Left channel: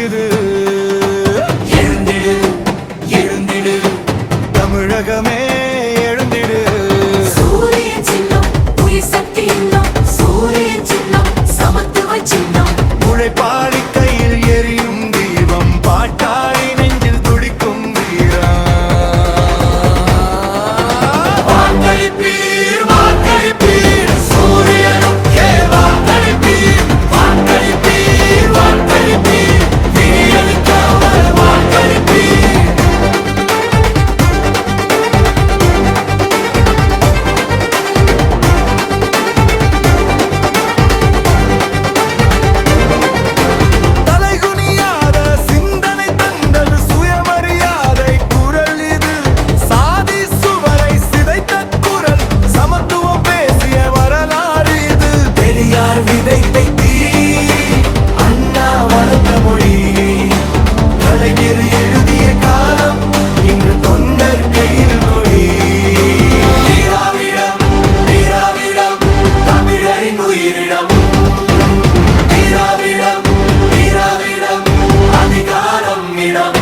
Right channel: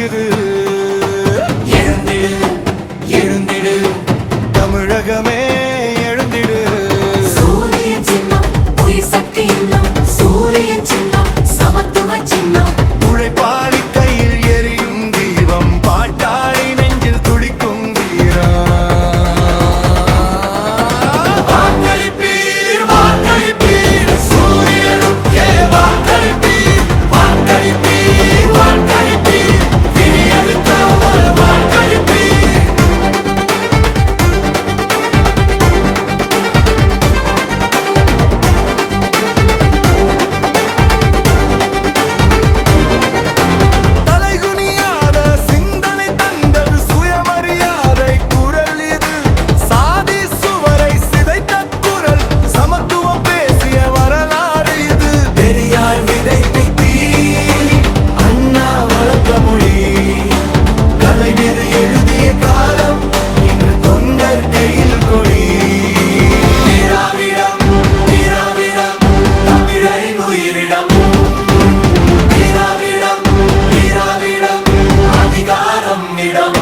எழுந்திடு எழுந்திடு. தமிழகமே தொண்டர் கையில் கொடி. திராவிடம் திராவிடம் தமிழரின் உயிரிடம். திராவிடம் திராவிடம் அதிகாரம் இடம்.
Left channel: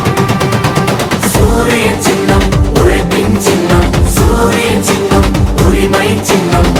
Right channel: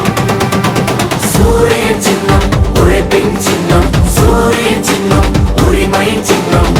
சூரிய சின்னம் உழைப்பின் சின்னம். சூரிய சின்னம் உரிமை சின்னம்.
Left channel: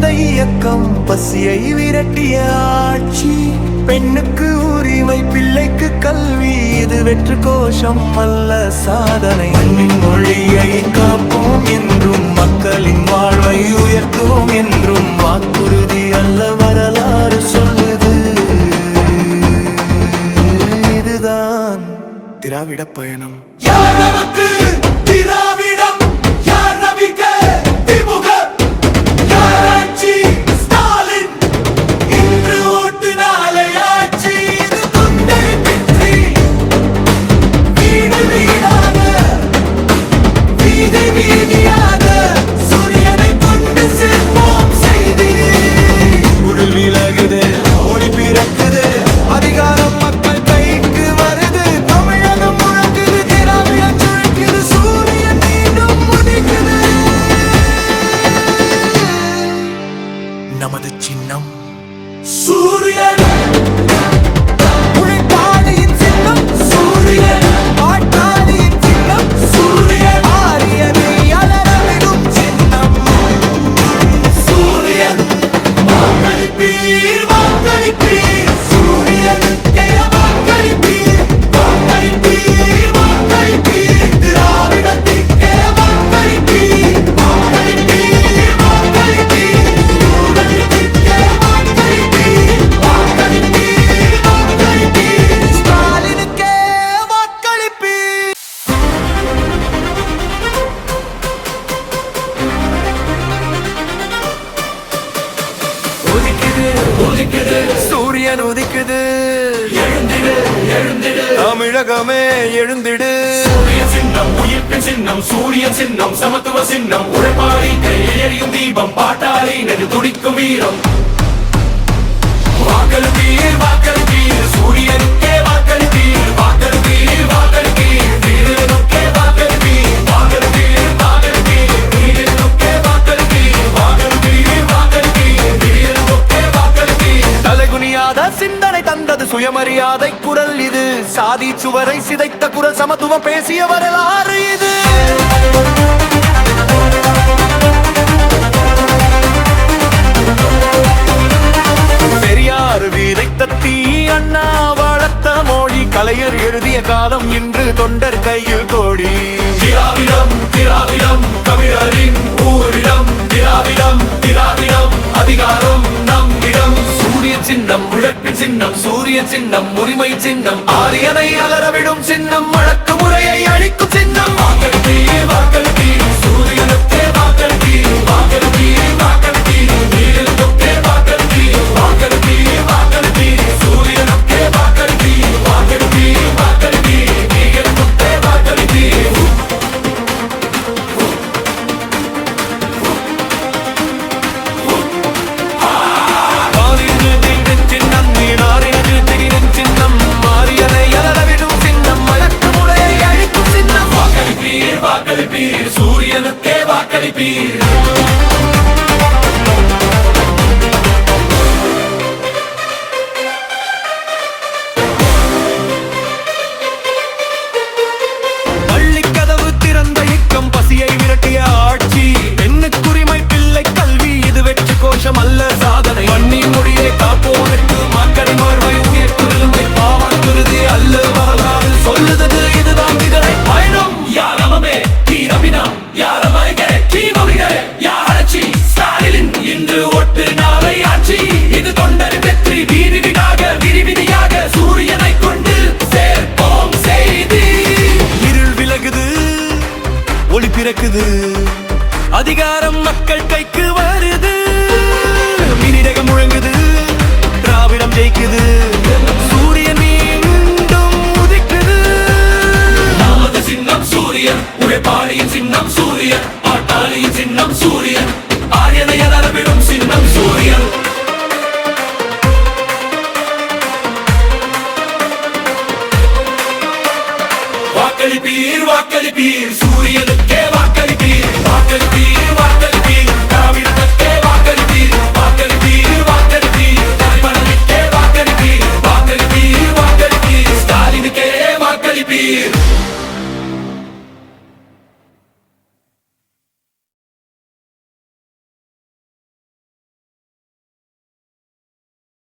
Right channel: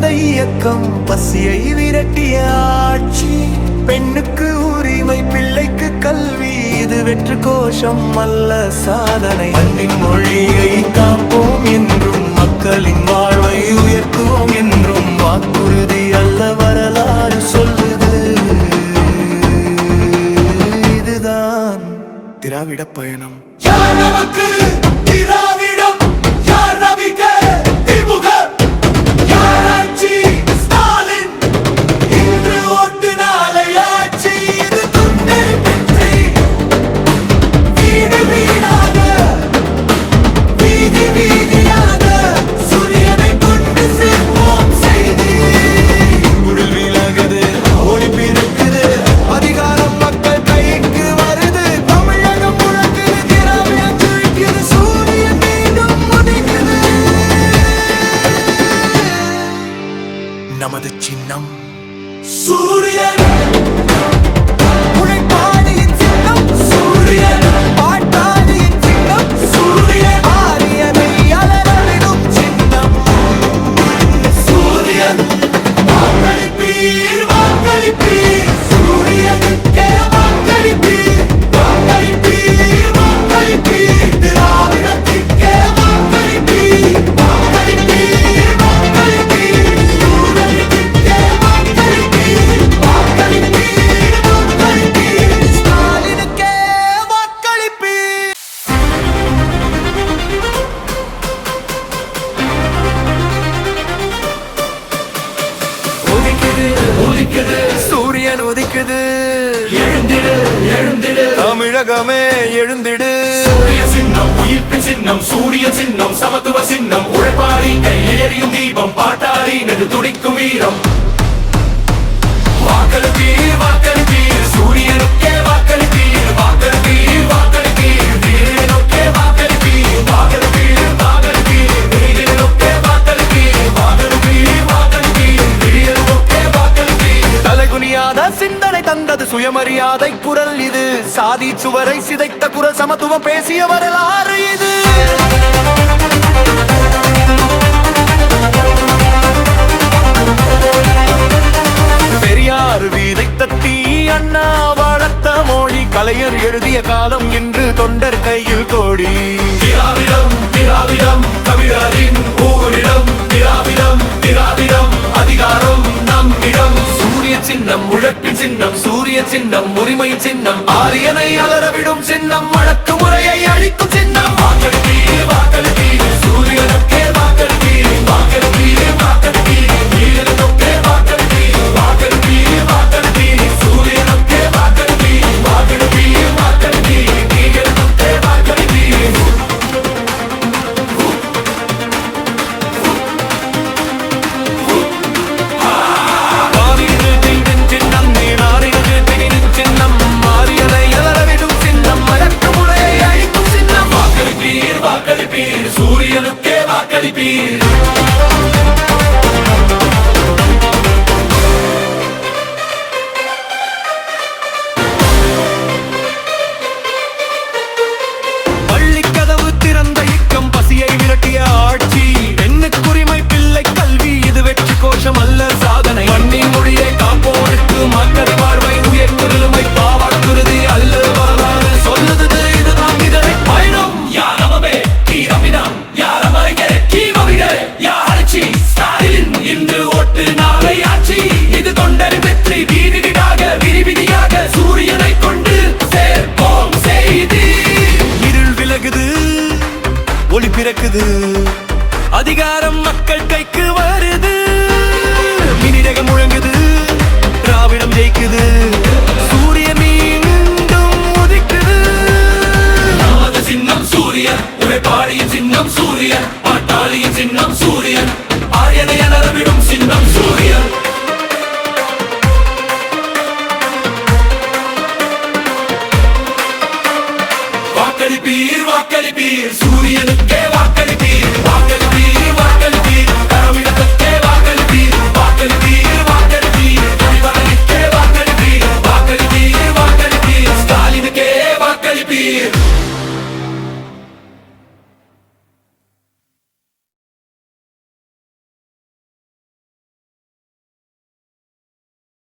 திறந்த இயக்கம் பசியை விரட்டிய ஆட்சி. பெண்ணுக்கு உரிமை பிள்ளைக்கு கல்வி இது வெற்று கோஷம் அல்ல சாதனை. அன்பின் மொழியை காப்போம் என்றும் மக்களின் வாழ்வை உயர்த்துவோம் என்றும் வாக்குறுதி அல்ல வரலாறு சொல்லுது. இதுதான் திராவிட பயணம். உடல் ஒளி பிறக்குது அதிகாரம் மக்கள் கைக்கு வருது தமிழகம் முழங்குது திராவிடம் சுழிக்குது சூரியன் மீண்டும் உதிக்குது. நமது சின்னம் சூரியன். உதிக்குது உதிக்குது. சூரியன் உதிக்குது. எழுந்திடு எழுந்திடு. தமிழகமே எழுந்திடு. சூரிய சின்னம் உயிர்ப்பு சின்னம் சூரிய சின்னம் சமத்துவ சின்னம். உழைப்பாளி எரியும் தீபம் பாட்டாளி நெடு துடிக்கும் வீரம். சுயமரியாதை குரல் இது. சாதி சுவரை சிதைத்த குரல் சமத்துவம் பேசிய வரலாறு இது. பெரியார் விதைத்த தீ அண்ணா வளர்த்த மொழி கலையர் எழுதிய காலம் இன்று தொண்டர் கையில் கோடி. உழப்பின் சின்னம் சூரிய சின்னம் உரிமை சின்னம் ஆரியனை அலறவிடும் சின்னம் வழக்கு முறையை அழிக்கும் சின்னம். சாதனை மண்ணின் மொழியை காப்போருக்கு மக்களை பார்வை உயர் உயர்த்துரிமை பாவாக்குருதி அல்ல வரலாறு சொல்லுது இதுதான் இதனை பயணம் யாரமமே கீரமினம் யாரமாய்கர கீமவிட யாரச்சி ஸ்டாலின். இன்று ஒட்டு நாளை ஆட்சி. இது தொண்டர் வெற்றி. வீதி விடாக விரிவிதியாக சூரியனை கொண்டு சேர்ப்போம் செய்தி. இருள் விலகுது. ஒளி பிறக்குது. அதிகாரம் மக்கள் கைக்கு வருது. மினிரகம் முழங்குது திராவிடம் ஜெயிக்குது. சூரியன் மீண்டும் உதிக்குது. நமது சின்னம் சூரியன் உழைப்பாளியின் சின்னம் சூரியன் பாட்டாளியின் சின்னம் சூரியன் ஆரியனைய நலவிடும் சின்னம் சூரியன். வாக்களிப்பீர் வாக்களிப்பீர் சூரியனுக்கே